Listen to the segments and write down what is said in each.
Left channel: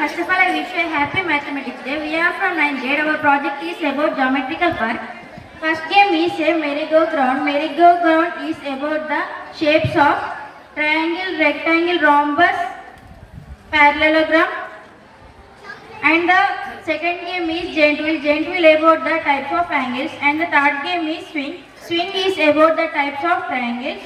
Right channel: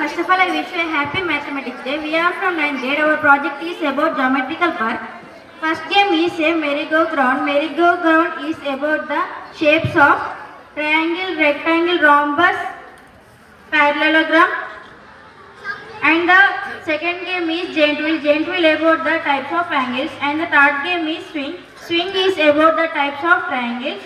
First of all, I wish you a happy Mathematics Day. We are from 9th grade. Our project is about geometrical park. First game is a merry-go-round. Merry-go-round is about the shapes of triangle, rectangle, rhombus, parallelogram. And the second game is giant wheel. Giant wheel about the types of angles. And the third game is swing. Swing is about the types of triangles.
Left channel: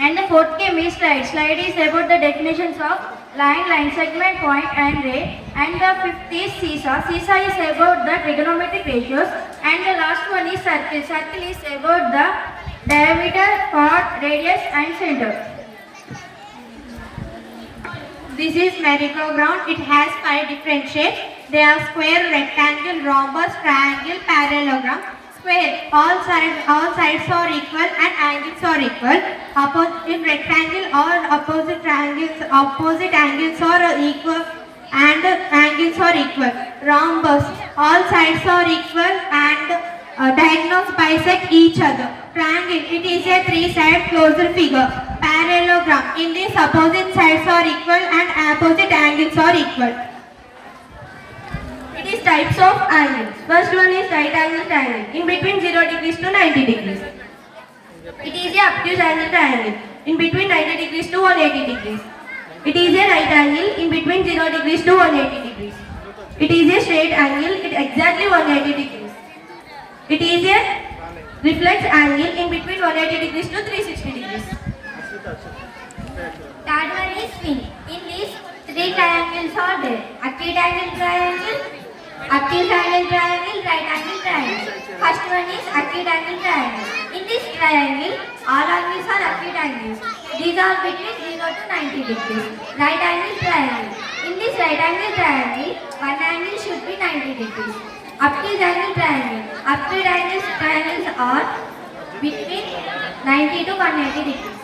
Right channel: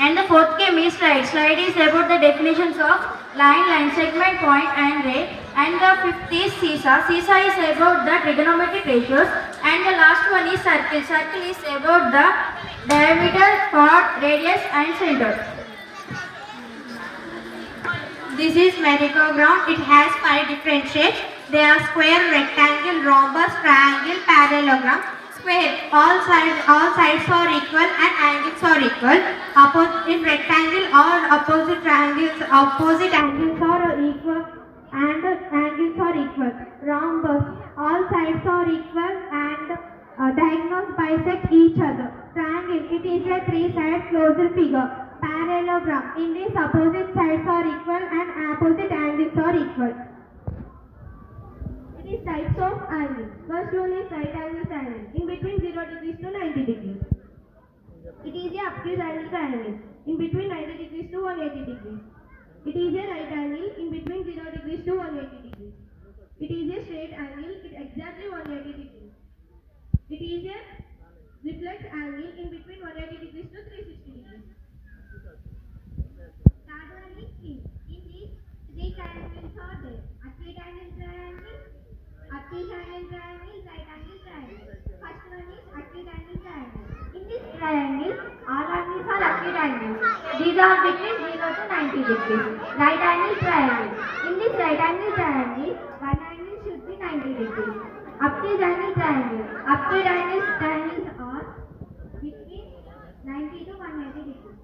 And the fourth game is slide. Slide is about the definitions of line, line segment, point and ray. And the fifth is seesaw. Seesaw is about the trigonometric ratios. And the last one is circle. Circle is about the diameter, chord, radius and center. This is merry-go-round. It has 5 different shapes. They are square, rectangle, rhombus, triangle, parallelogram. Square, all sides are equal and angles are equal. In rectangle, all opposite angles are equal and angles are equal. Rhombus, all sides are equal and diagonals bisect each other. Triangle, it is a 3-sided closed figure. Parallelogram, in this opposite sides are equal and opposite angles are equal. It is types of angles. First one is right angle triangle, in between 0 degrees to 90 degrees. It is a obtuse angle triangle, in between 90 degrees to 180 degrees. It is a right angle, in between 0 degrees to 180 degrees. It is a straight angle, it exactly 180 degrees. It is a reflex angle, in between 180 degrees to 360 degrees. Third one is swing. In these 3 triangles are there. Acute angle triangle, obtuse angle triangle, right angle triangle. First one is acute angle triangle. In this triangle, all angles are acute angles. These are between 0 to 90 degrees. Right angle triangle. In this right angle triangle, one angle should be 90 degrees. Obtuse angle triangle. Obtuse triangles are between 90 to 180 degrees.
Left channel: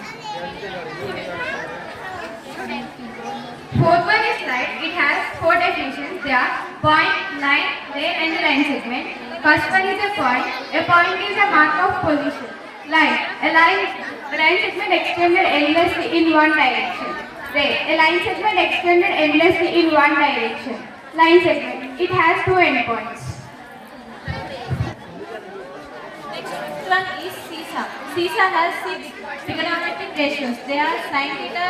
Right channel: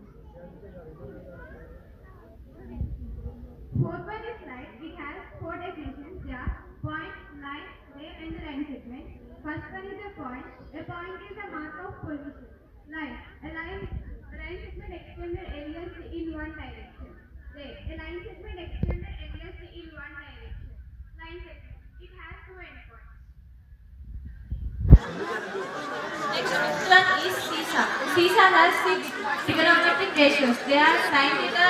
Fourth one is slide. It has 4 definitions. They are point, line, ray and line segment. First one is a point. A point is a mark of position. Line. A line segment extended endlessly in one direction. Ray. A line segment extended endlessly in one direction. Line segment. It has 2 endpoints. Next one is seesaw. Seesaw has 6 trigonometric ratios. They are sin theta,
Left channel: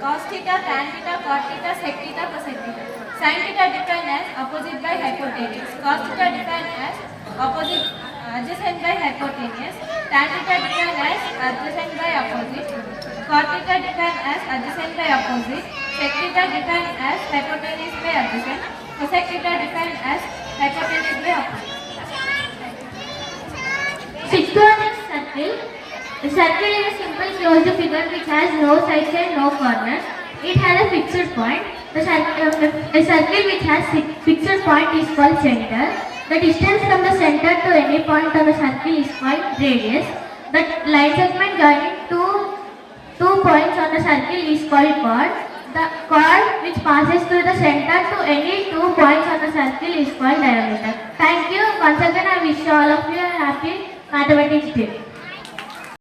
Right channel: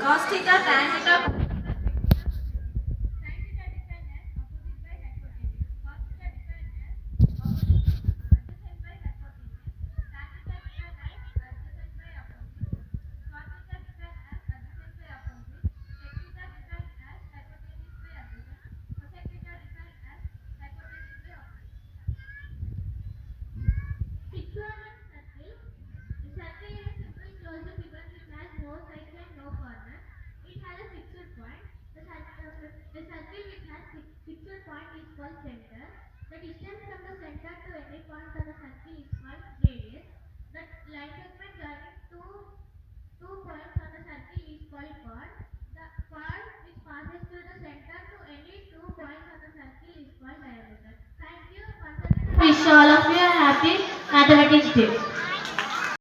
cos theta, tan theta, cot theta, sec theta, cosec theta. Sin theta defined as opposite by hypotenuse. Cos theta defined as opposite adjacent by hypotenuse. Tan theta defined as adjacent by opposite. Cot theta defined as adjacent by opposite. Sec theta defined as hypotenuse by adjacent. Cosec theta defined as hypotenuse by opposite. Sixth one is circle. A circle is a simple closed figure which has no sides and no corners. It has a fixed point. A circle which has fixed point is called center. The distance from the center to any point on the circle is called radius. The line segment joining two points on the circle is called chord. The chord which passes through the center to any 2 points on the circle is called diameter. Thank you. Once again, I wish all of you a happy Mathematics Day.